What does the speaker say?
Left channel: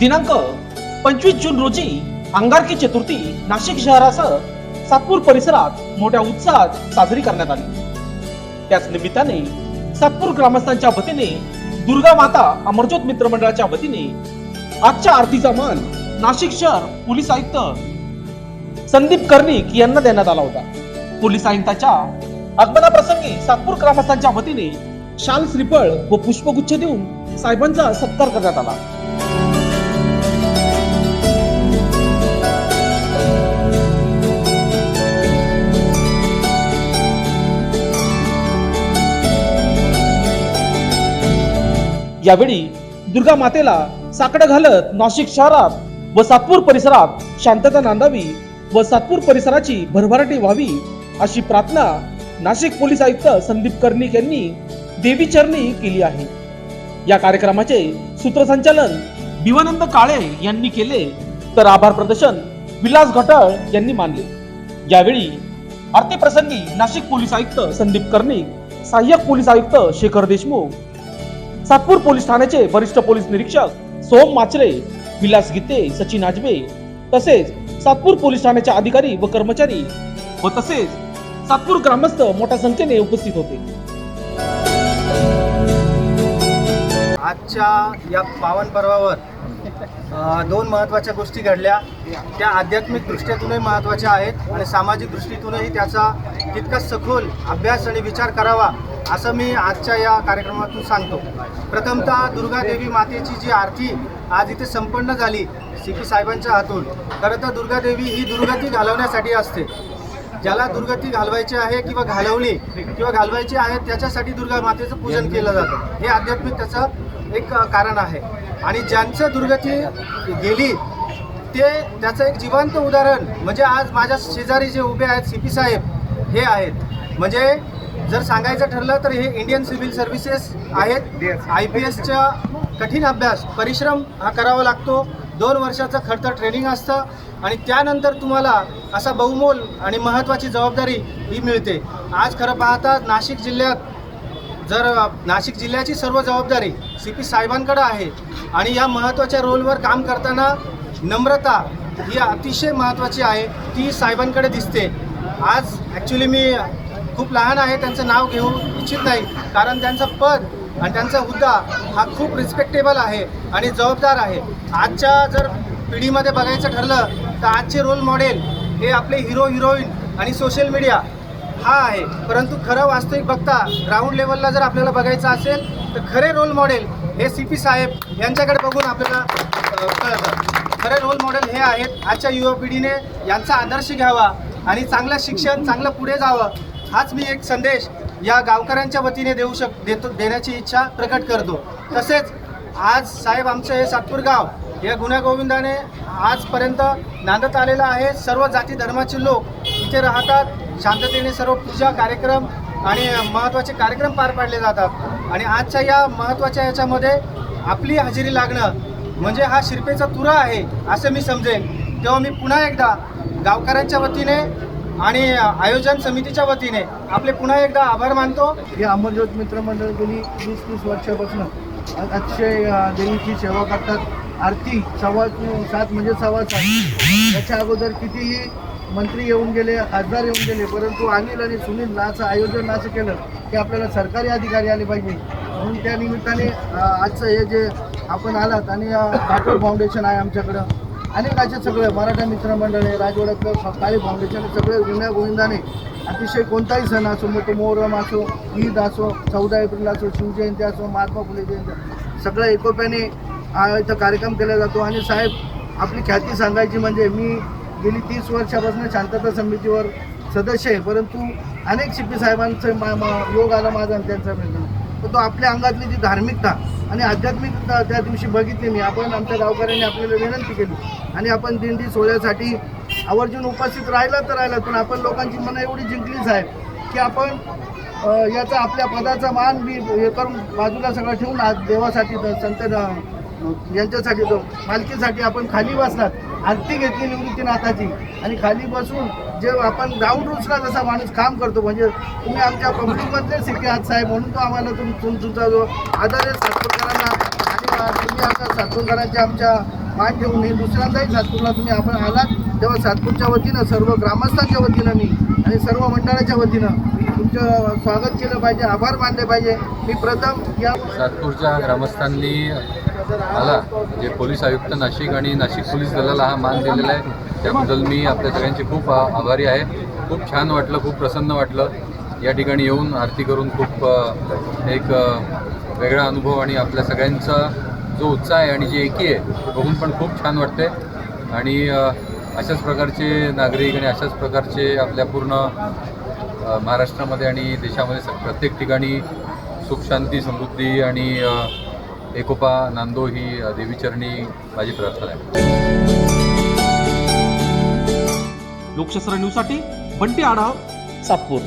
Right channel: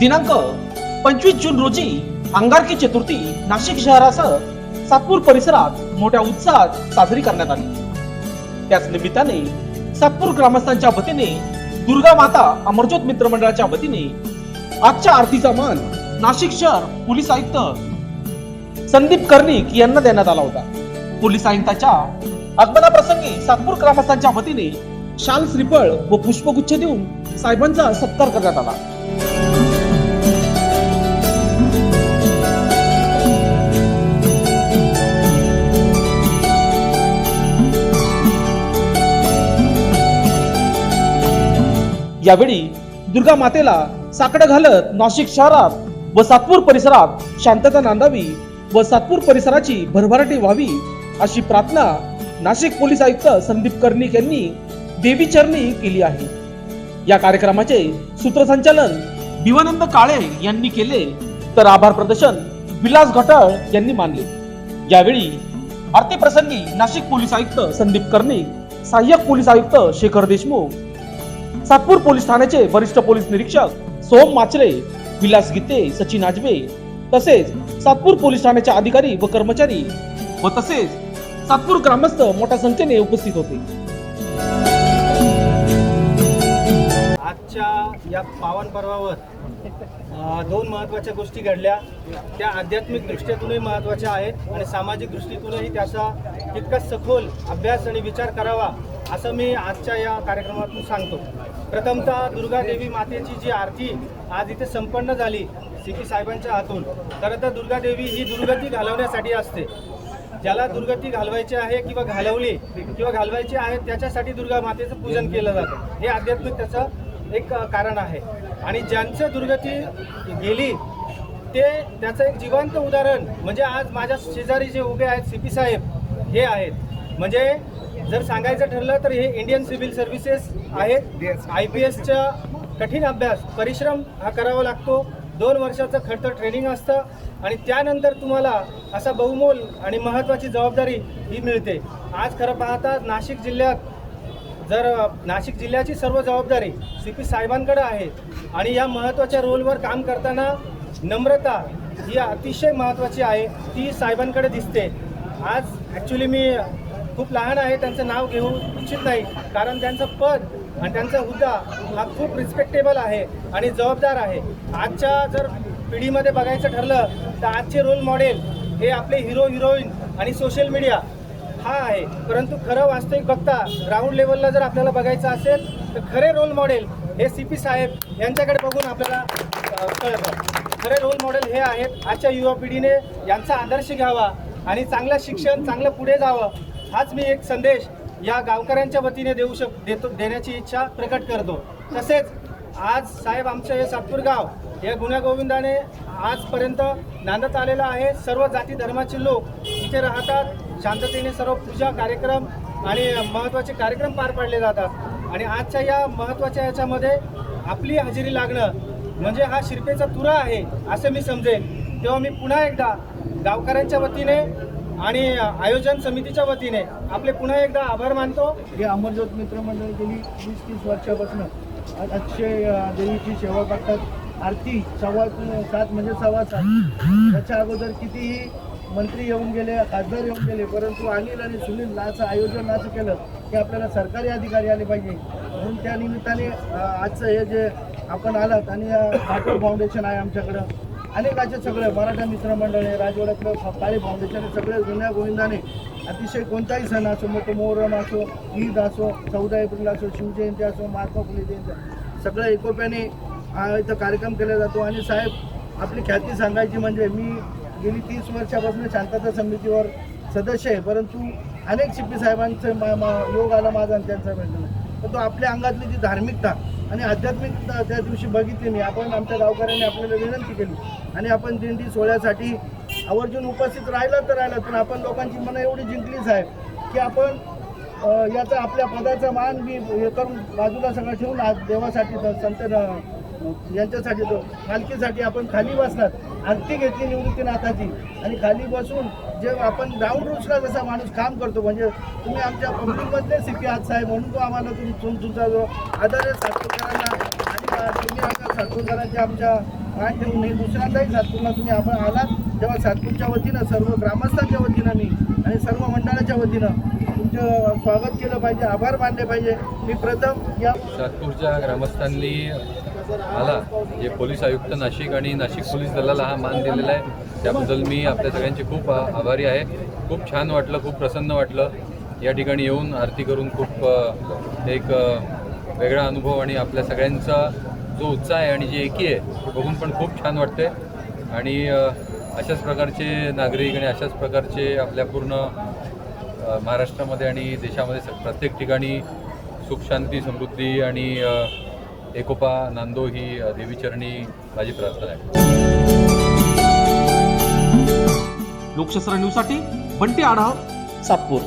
दिनांक पंचवीस जून रोजी अंगारकी चतुर्थी नाशिक शहरासह सातपूर परिसरात मोठ्या उत्साहात साजरी करण्यात आली. त्याच निमित्ताने सातपूर ग्रामस्थांच्या वतीने दुर्गा माता अमरज्योत मित्र मंडळाच्या वतीने आजच्या आरतीचा मान नाशिक शहर पोलीस आयुक्त संदीप कर्णिक यांना देण्यात आला होता. पोलीस आयुक्ताच्या आगमनाप्रसंगी सातपूर ग्रामस्थांच्या वतीने शाल श्रीफळ व पुष्पगुच्छ देऊन साहेबांचा सत्कार करण्यात आला. यावेळी दुर्गा मातेला साकडं घालत नाशिक शहरात व सातपूर परिसरात शांतता नांदावी व सातपूर परिसराची भरभराटी व्हावी अशी प्रार्थना नाशिक पोलीस आयुक्त संदीप कर्णिक यांनी देवी चरणी केली आहे. या कार्यक्रमाचे सूत्रसंचालन दिवानंद काळे यांनी केले तर आभार प्रदर्शन विलास घटाळ यांनी मानले. यावेळी आरती प्रसंगी नाशिक पोलीस आयुक्त संदीप कर्णिक सहाय्यक पोलीस आयुक्त शेखर देशमुख सातपूर पोलीस ठाण्याचे वरिष्ठ पोलीस निरीक्षक सोम माचरे विलास गीते सचिन आजबे तसेच सातपूर पोलीस ठाण्याचे अधिकारी व कर्मचारी व तसेच सातपूर ग्रामस्थ मोठ्या संख्येने उपस्थित होते. आजच्या या पावन पर्वावर दोन महत्त्वाच्या गोष्टी घडल्या. त्या आध्यात्मिक दृष्ट्यातूनही महत्त्वाच्या आहेत आणि सामाजिक दृष्टीतूनही त्याचा तितका सखोल अभ्यास आणि विचार करावा असं मी आजच्या या कार्यक्रमातून सांगतो. प्रथमतः दुर्गादेवी मातेची जी आरती आज इथे संपन्न झाली सी पी साहेबांच्या हातून खरं तर दुर्गादेवी ही दुर्गती घालवण्यासाठी असते. ज्याला दुर्गती घालवायची आहे किंवा घालवली किंवा घालवायची आहे त्याच्यासाठी दुर्गा मातेचं पूजन केलं जातं. हे आध्यात्मिक त्याचं एक कारण आहे. आणि ज्यांचं दुर्गती गेली ते त्याचं एक जिवंत उदाहरण म्हणजे आज माझ्या शेजारी जे उभे आहेत सी पी साहेब हे आहेत. म्हणजे जर सांगायचं ठरलं तर हे इंडियन सिव्हिल सर्व्हिसेस आहेत. आय पी एसच्या कठीण अभ्यास परिश्रम हा करावा लागतो. दोन वर्षाचं खडतर ट्रेनिंग असतं. आणि त्यानंतर तुम्हाला असा बहुमोल आणि महत्त्वाची जबाबदारी ही मिळते. आज खरं पाहता नाशिक जिल्ह्यात जर नाशिक जिल्ह्याची सर्व जबाबदारी सी पी साहेबांकडं आहे आणि या महत्त्वाच्या रोलवर काम करताना नम्रता ही अतिशय महत्त्वाची आहे ती साहेबांकडे दिसते. आज ॲक्च्युली मी खूप लहान आहे त्यांचं नाव घेऊ इच्छित नाही कारण त्यांचं पद आणि त्यांचा हुद्दा हा खूप रिस्पेक्टेबल आहे आणि जबाबदार आहे. आजच्या जर पिढीमध्ये बघायचं ठरलं तर आजचे रोल मॉडेल हे आपले हिरो हिरोईन आणि सोशल मीडिया हा आहे. परंतु खरं वास्तविक बघता ग्राउंड लेवलला जर आपल्याला बघायचं असेल तर खरे रोल मॉडेल हे सी पी साहेब यांच्याकडे बघून आपल्याला कळतं खरे रोल मॉडेल हे आहेत. आजच्या युवा पिढीने यांचा आदर्श घ्यावा आणि चांगलं शिक्षण चांगलं पुढे जावं हाच मी एक संदेश या गावकऱ्यांच्या वतीने देऊ शक देतो देण्याची इच्छा प्रकट करतो. तसेच आज साहेब आमचं हे सातपूर गाव या गुण्यागोविंदाने आजपर्यंत नांदत आलेलं आहे. सर्व जाती धर्माचे लोक इथे राहतात. शांततेने सर्व पूजा कार्यक्रम आणि महत्त्वाचे कार्यक्रम पार पाडले जातात. आणि आजच्या या महत्त्वाच्या याच्यामध्ये आपली हजेरी लागणं म्हणजे हा शिरपेचा तुरा आहे असं मी समजेन. तेव्हा मी पुन्हा एकदा गावकऱ्यांच्या वतीने आणि आयोजन समितीच्या वतीने आपले पुन्हा एकदा आभार मानतो. हे अमरज्योत मित्रमंडळ गेली वीस तीस वर्षापासून अतिशय देवीची सेवा करतात. आरती सव्वा सात म्हणजे सव्वा सात. त्याच्या अगोदर कितीही मंत्री येऊन गेले खासदार येऊन गेले परंतु अनिल आणि सुनील असं आयोजन असं केलं की आपल्याला सरकारी अधिकारी आले पाहिजे. म्हणून त्या निमित्ताने आजचं हे जे आपण आलात आणि अ, भाटूर फाउंडेशन आहे आमच्याकडं अनेक असे सगळे मराठा मित्रमंडळी राजवाड्यातलं काळी फाउंडेशन सगळे गुन्ह्या गोविंदाने अतिशय कोणताही सण असो मोठे मोहरम असो ईद असो चौदा एप्रिल असो शिवजयंती असो महात्मा फुले जयंती सगळ्या एकोप्याने इथं कार्यक्रम केला जातो. आणि साहेब आपली ख्याती सांगायची म्हणजे मी गेली तीस वर्षापासून शांतता समितीवर सदस्य आहे परंतु अनेक शिप्पी साहेबांचं मा- मा- योग आला माझा आणि त्यांचा म्हणजे पण तो आपल्या अंगातली जी धार्मिकता आणि आध्यात्मिकता त्या दिवशी बघितली मी. आपण आमच्या गावकऱ्यांनी आपल्याला विनंती केली. आणि आपण दिंडी सोहळ्यासाठी आवर्जून उपस्थित राहिला तर राहिला पण आपण लोकांची मनं एवढी जिंकलीच आहे की आपण याचा आपल्या पदाचा मान मी हे करून बाजूला सगळं ठेवून आज देवासाठी संत यांच्यासाठी तो मालकीसाठी आपण खाली बसणार. आरती घेतली निवृत्तीनाथाची आणि खाली बसून जे आपण ग्राउंड रूल्सला जसा माणूस काम करतो म्हणजे तुम्ही आमच्या पब्लिकमधले सिटी आहात साहेब म्हणून तो आम्हाला तुम तुम- तुमचा जो आदर आहे सातपूरकरांना आणि तुम्ही आता सातपूरकरांच्या आमच्या मान देऊन मी दुसऱ्यांदाही सातपूरला तुम्ही आपण आलात तेव्हा सातपूरच्या वतीनं सर्व ग्रामस्थांच्या वतीनं मी आणि सर्व मंडळाच्या वतीनं तुमचं स्वागत केलं पाहिजे आभार मानले पाहिजे. मी प्रथम या सातपूरच्या ग्रामस्थांनी मला जे म्हणजे पोलीस आयुक्त नाशिक आणि नाशिक पोलीस दलाला हा मान दिलेला आहे. त्याबद्दल मी आपल्या सगळ्यांचे खूप आभारी आहे. खूप छान वाटलं खूप प्रसन्न वाटलं. या ठिकाणी येऊन आरती करून खूप एक वेगळा अनुभव आणि आपल्या सगळ्यांचा जो उत्साह आहे आणि जी एकी आहे ते बघून पण खूप छान वाटते आणि अशाच प्रकारचे नागरिक आणि अशाच प्रकारचे आपल्या पूर्ण महाराष्ट्रामध्ये आणि देशामध्ये स- प्रत्येक ठिकाणी सुख शांती समृद्धी आणि एकोपा नांदो ही देवीचरणी माझी प्रार्थना आहे. लोकशास्त्र न्यूजसाठी बंटी आढाव सातपूर.